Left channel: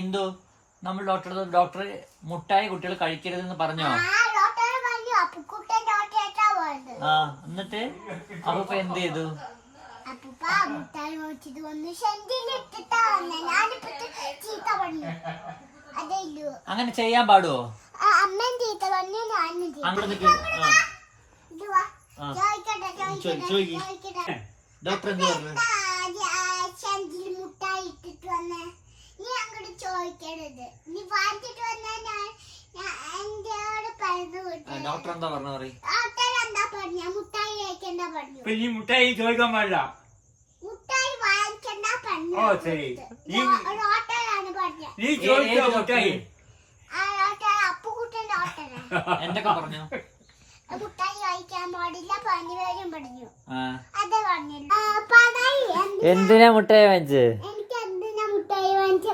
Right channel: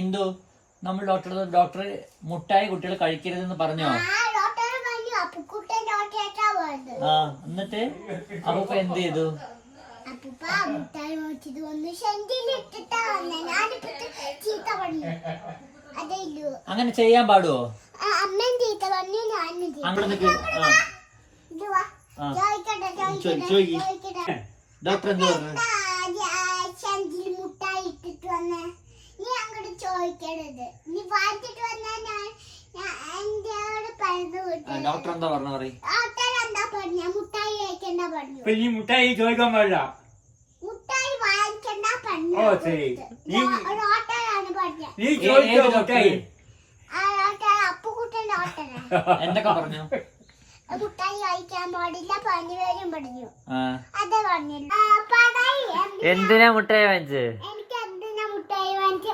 ഇന്ദു നമ്മൾ ഡോക്ടർ മുട്ടായി കുട്ടികൾ കഴിക്കരുതെന്ന് പറഞ്ഞോ? ആ എന്നിട്ട് അപ്പൊ എന്ത് ചെയ്തു? അങ്ങനെ ചെയ്യാൻ പാടുവോ? ഡോക്ടർ എന്ത് പറഞ്ഞു? മുട്ടായി ഇട്ടിട്ട് വന്നേ, നീ അങ്ങോട്ട് ചോദിക്കരുത്, നീ വാങ്ങിച്ചിട്ട് വന്നാ ഡോക്ടർ എന്താ പറഞ്ഞു? എന്താ പറഞ്ഞ മുട്ടായി കഴിക്കണ്ട പറഞ്ഞു. ഈ മുട്ടായി ചോദിക്കാൻ പാടില്ല, മുട്ടായി വാങ്ങിക്കണ്ട പറഞ്ഞു. ഓ ശരി, ഓട്ടോയാണ് പറഞ്ഞ. നീ ചോദിച്ചോ മുട്ടായി? അപ്പുകുട്ടന്റെ ഓട്ടോനാ. എന്തൊക്കെ പറഞ്ഞു? മുട്ടായി കഴിക്കാൻ പാടില്ല, പനി വരും പറഞ്ഞു. അതെ പറഞ്ഞില്ല. എന്തിനാ മുട്ടായി വാങ്ങിച്ചത്? എനിക്ക് എന്തിനാ മുട്ടായി വാങ്ങിച്ചേ?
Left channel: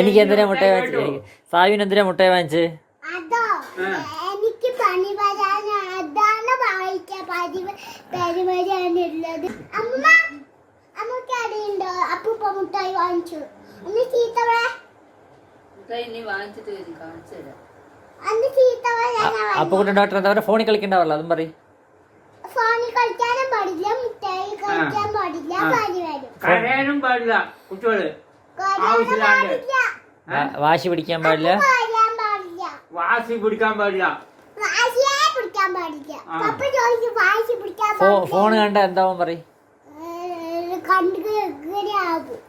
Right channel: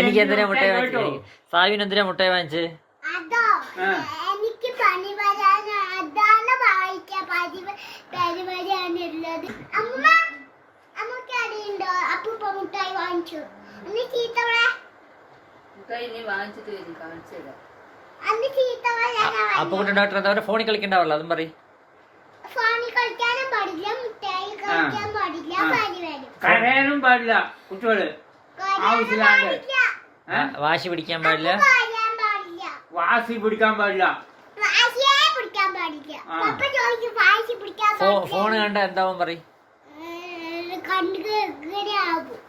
എനിക്ക് എന്തിനാ മുട്ടായി വാങ്ങിച്ചത്? സാവിന് എന്തിനാ മുട്ടായി വാങ്ങിച്ചത്? അതോ എനിക്ക് പനി വരാൻ, അതാണ് വായിക്കാൻ പനി വരാനുള്ളത്. അമ്മ അമ്മക്ക് അറിയണ്ടോ അപ്പൂപ്പ മുട്ടായി വാങ്ങിച്ചു? അന്ന് ചീത്ത അപ്പുകുട്ടൻ ഡോക്ടർ എന്താ പറയുക? ഫോണിൽ കളിക്കണ്ടാവല്ലോ, അതും പറയും. ഫോണിൽ കളിക്കാനും പാടില്ല, മുട്ടായി കഴിക്കാൻ പാടില്ല, പനി വരും. കരയാനും പാടില്ല കുട്ടികള്, വാശി പിടിക്കാൻ പാടില്ല, വാശി പിടിക്കാൻ പാടില്ല, ഫോണ് കണ്ട എന്താവും പറയും? കണ്ടു ആകും.